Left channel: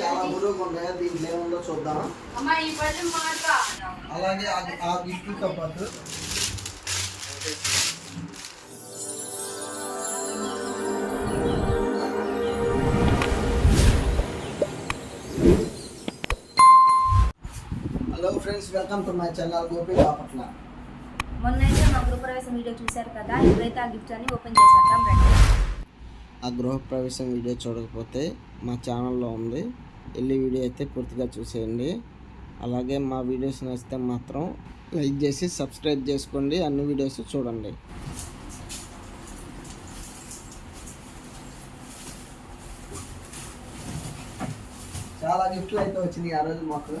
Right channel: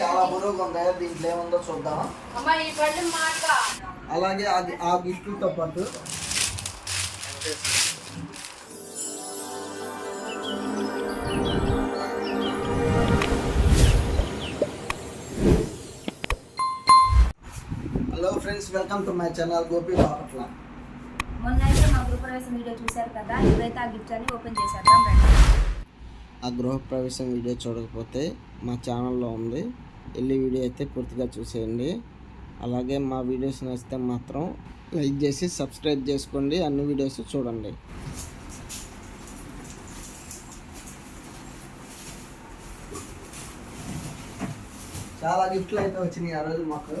చాలా బరువుగా ఉన్నాయి దీంట్లో ఏముందో చూద్దాం అలాగే ఆ- ఆ గిఫ్ట్తో పాటు. Hello friends welcome to my channel Gopi Bapatla మొన్న అయితే మా గృహప్రవేశం వీడియో చూశారు కదా ఇప్పుడైతే ఆ గిఫ్ట్స్ అన్ని ఓపెన్ చేసేద్దాం రండి. ఆ గృహప్రవేశం వీడియో చూడకపోతే మా ఛానల్లో ఉంది. వెళ్ళి వీడియో అయితే పూర్తిగా చూసేయండి. అలాగే మా వీడియోస్ నచ్చితే మాత్రం లైక్ చేసి సబ్స్క్రైబ్ చేసుకోండి. అన్ని వీడియోస్ చూడండి. చాలా గిఫ్ట్లు అయితే వచ్చినాయి ఆ రోజు మాకు.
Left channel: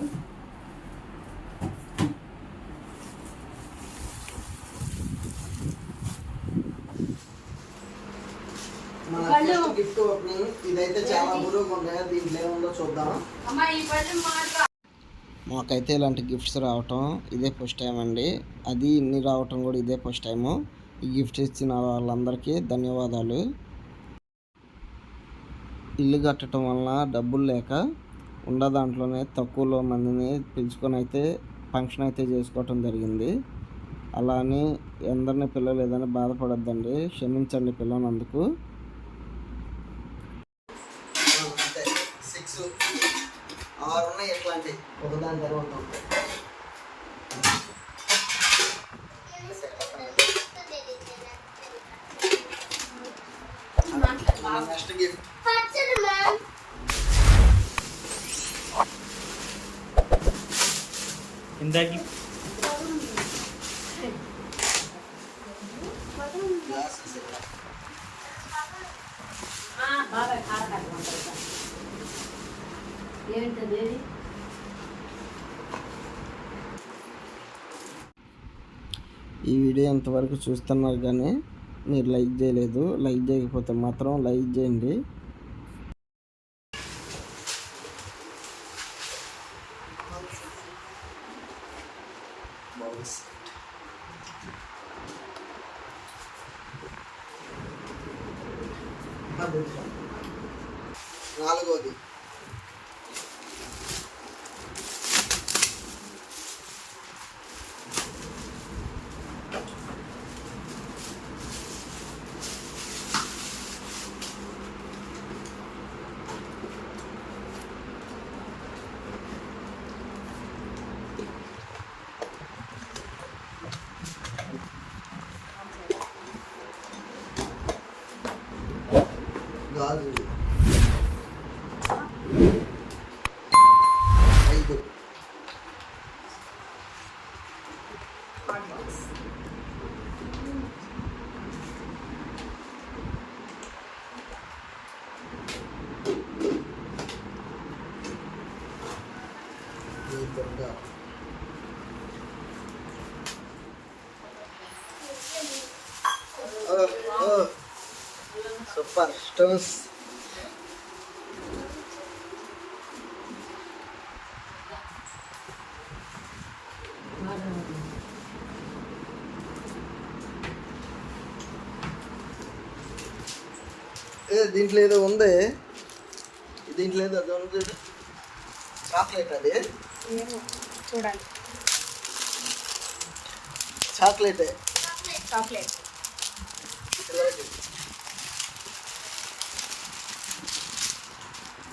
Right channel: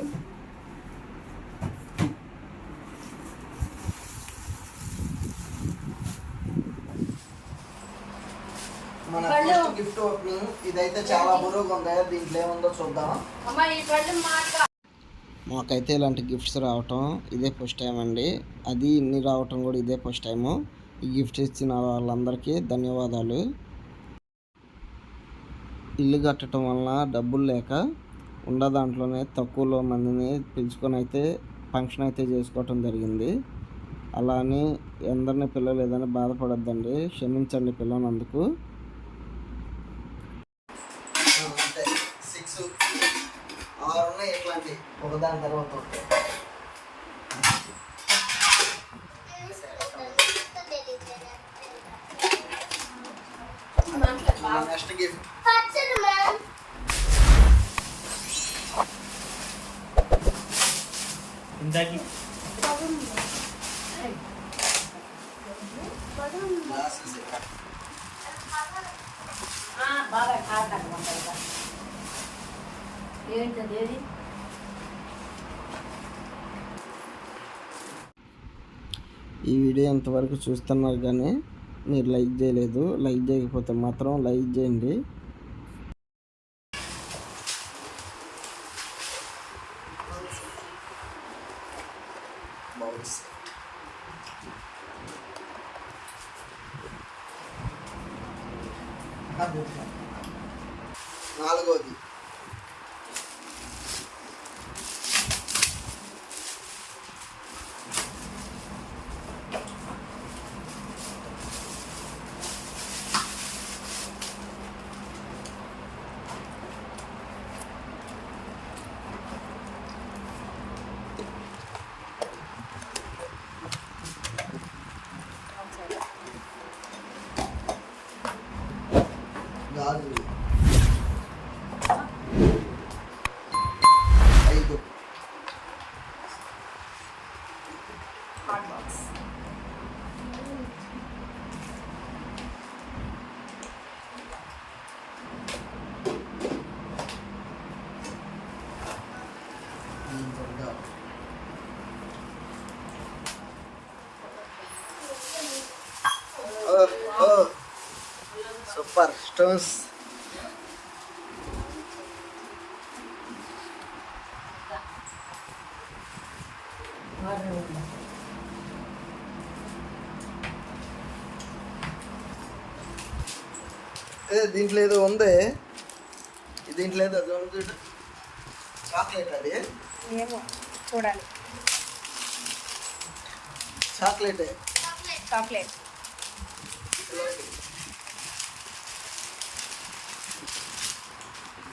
మన ఫస్ట్ గిఫ్ట్ ఓపెనింగ్ ఇదైతే చాలా బరువుగా ఉంది దీంట్లో ఏముందో చూద్దాం. అమ్మా ఈ పళ్ళెం మాట మాకైతే ఇలాంటి గిఫ్ట్స్ రావటం ఇదే ఫస్ట్ టైం అండి. అది ఇన్ని రావటం కూడా ఇదే ఫస్ట్ టైము ఈ గిఫ్ట్స్ ఇచ్చిన వాళ్ళందరికీ ధన్యవాదాలు. ఇల్లు కట్టడం వలన డబ్బులు లేక ఉన్న దాంట్లోనే తక్కువలో మందిని పిలుచుకొని అయితే ఫంక్షన్ అయితే చేసుకోవటం జరిగింది. అలా అని ఎందరిని పిల్లలేదని బాధపడొద్దండి. క్షమించండి పిల్లనందుకు సిక్స్ ఆరు ఉన్నాయి ఇట్లాంటి ఒకదాని తర్వాత ఒకటి. మన నెక్స్ట్ గిఫ్ట్ ఇందాకి గ్లాసెస్ ఏంటది ఏది? ఈ వీడియో ఎంతవరకు చూస్తున్నారు కానీ మీరు లైక్ చేయలేదు లైక్ చేయకపోతే మాత్రం లైక్ చేయండి నాలుగోది lagi Thank you. Super stones దీంట్లో ఏదో ఉంది. దీంట్లో ఏదో అది ఉంది చాక్లెట్ అది. చూడాలి. చాక్లెటే చాక్లెట్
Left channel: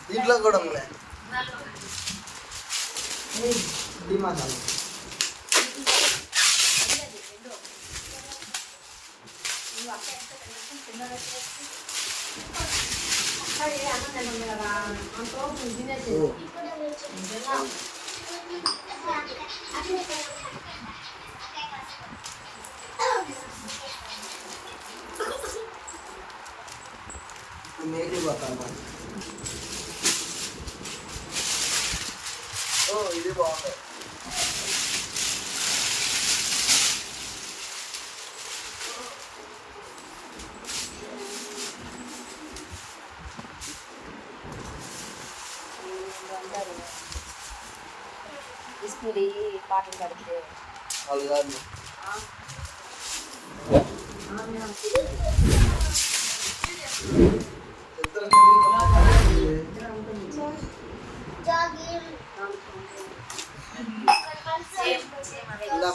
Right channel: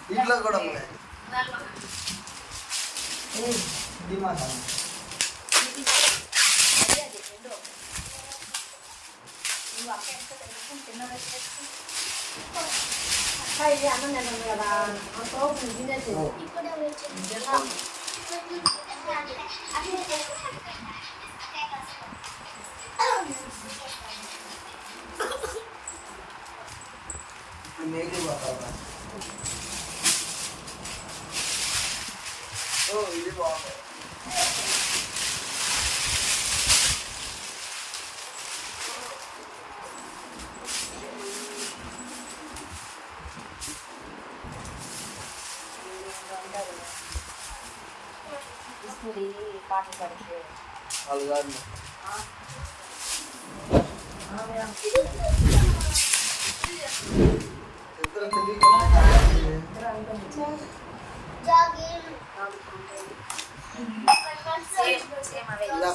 దీంట్లో కూడా ఉంది డిమాసాలు ఇది బాగుంది తీసుకుని పాటలు పడితే అది కాదు. ఇద్దరు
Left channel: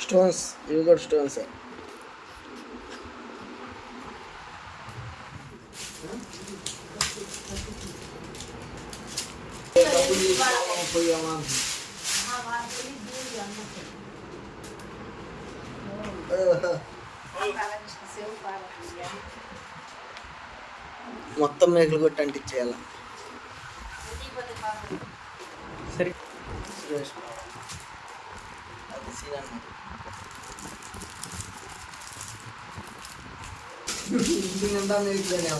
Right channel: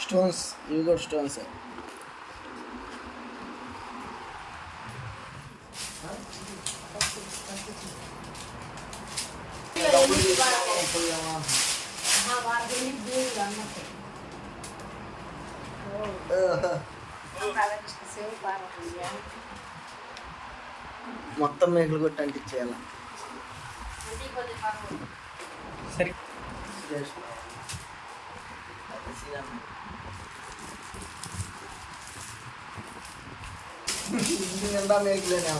स्टोन्स यूगर स्टोन्स है పోయామా ఓహో. మొత్తం మేకలు కొట్టి అంటించేయాలి సరే. ఇంటి నిండా మేకలేనే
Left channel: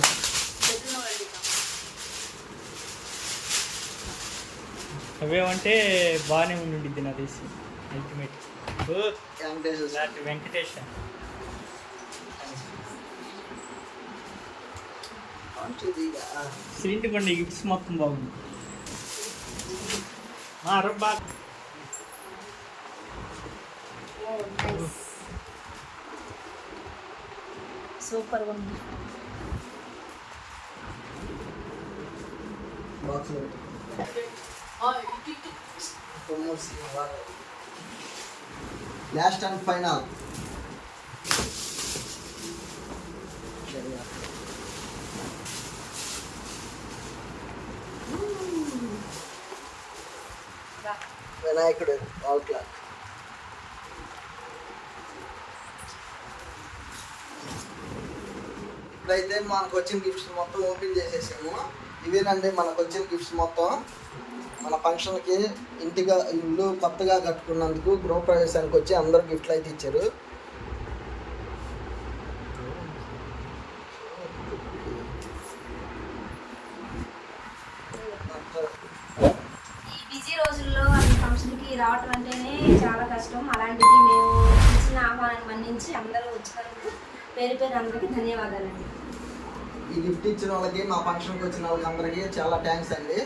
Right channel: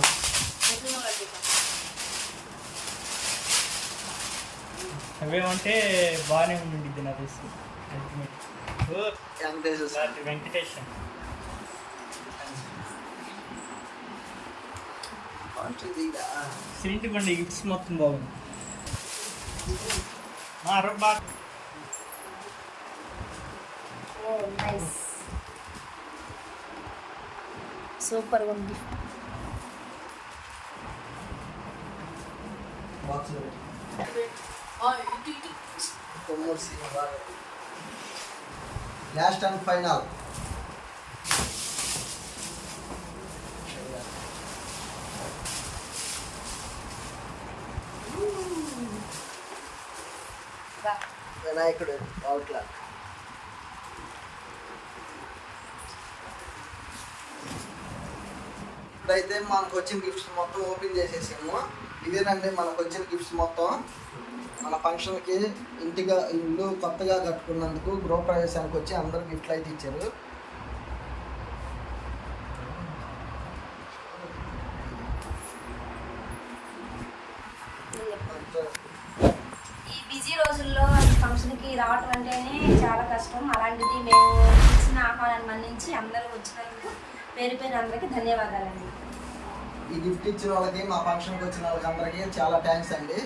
అవేమంటే బాగానే ఉండింది నా తెలిసి అల్టిమేట్ వెంకటేష్? సిరింటి పండి గిఫ్ట్స్ మొత్తం బాగుంది. మా అరవై బాగా సూపర్ ఉంది. బాక్స్లో లాస్ట్ అండ్ ఫైనల్ వినాయకుడు అవుట్లా ఇప్పుడైతే మనకు వచ్చిన గిఫ్ట్స్ మొత్తం ఓపెన్ చేసేసాము. ఇవేనండి మనకు వచ్చిన గిఫ్ట్స్ మొత్తం. మన ఫంక్షన్కి ఇంటిగా ఇల్లు కొత్తగా కట్టుకున్నందుకు గృహప్రవేశానికి వచ్చి అందరు గిఫ్ట్లు అయితే ఇచ్చారు. ఈ బిజీ రోజుల్లో ఫంక్షన్కి రావటం అంటేనే చాలా కష్టం. అలాంటిది మేము ఇచ్చిన ఆహ్వానాన్ని మన్నించి అందరూ వచ్చినందుకు పేరు పేరు అందరికీ ధన్యవాదాలండి. ఈ గిఫ్ట్ ఇచ్చిన వాళ్ళకి మా ఫంక్షన్కి వచ్చిన వాళ్ళకి అందరికీ చాలా థ్యాంక్స్ అండి.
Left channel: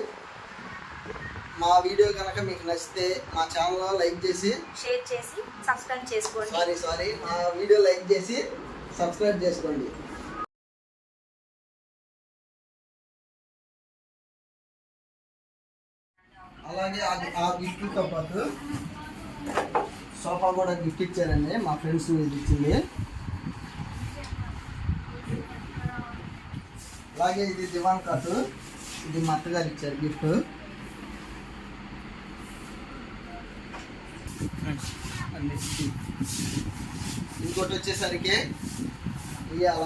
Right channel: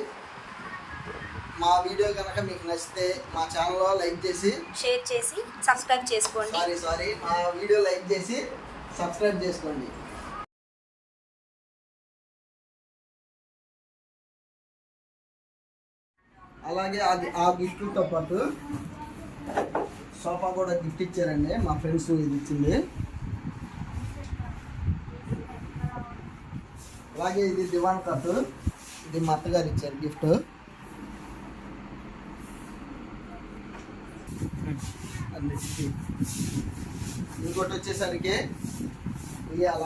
మా వీడియో కనుక మీకు నచ్చితే మా ఛానల్లో లైక్ చేసి షేర్ చేసి సబ్స్క్రైబ్ చేసుకోండి. సారీ సారీ మా వీడియో లైక్ చేసి సబ్స్క్రైబ్ చేసుకోండి. అలాగే ఆ గి- ఆ గిఫ్ట్తో పాటు సోఫా కూడా గిఫ్ట్ ఇచ్చారండి మా ఫ్రెండ్స్ ఇది ఇచ్చింది. అలాగే ఇది దివాన్ కట్ ఇది మా అత్తగారు ఇచ్చారు గిఫ్ట్. అన్నిటికీ. ఇంకోటి వచ్చేసరికి ఇవాళ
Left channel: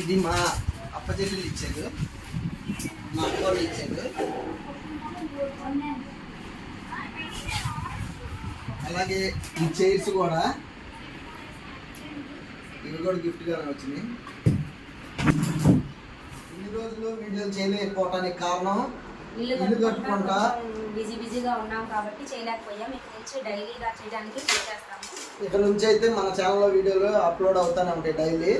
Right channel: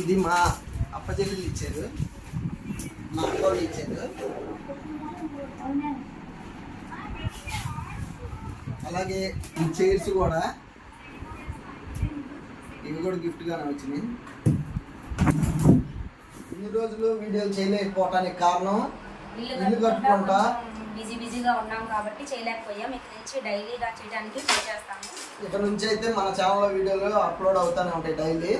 ఇది మా అప్పచెల్లెలు ఇచ్చారు. మా అక్కలు ఇచ్చారు. అలాగే ఈ చైర్స్ కూడా ఇవి కూడా గిఫ్ట్గానే వచ్చినాయి. ఇన్ని రోజులు వీడియోలు చేయలేకపోవటానికి కారణం ఇల్లు కట్టుకుంటా బిజీ బిజీగా ఉన్నాం కాబట్టి చేయలేకపోయాం. ఇక్కడ నుంచి డైలీగా చేయడానికి ట్రై చేస్తాము. ఇక్కడ నుంచి అయితే మన ఛానల్లో వీడియోలు అప్లోడ్ అవుతూనే ఉంటాయి డైలీ.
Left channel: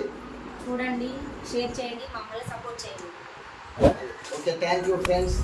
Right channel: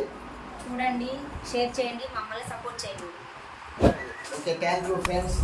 చూడండి షేర్ చేయండి మమ్మల్ని సపోర్ట్ చేయండి. Okay thank you friends.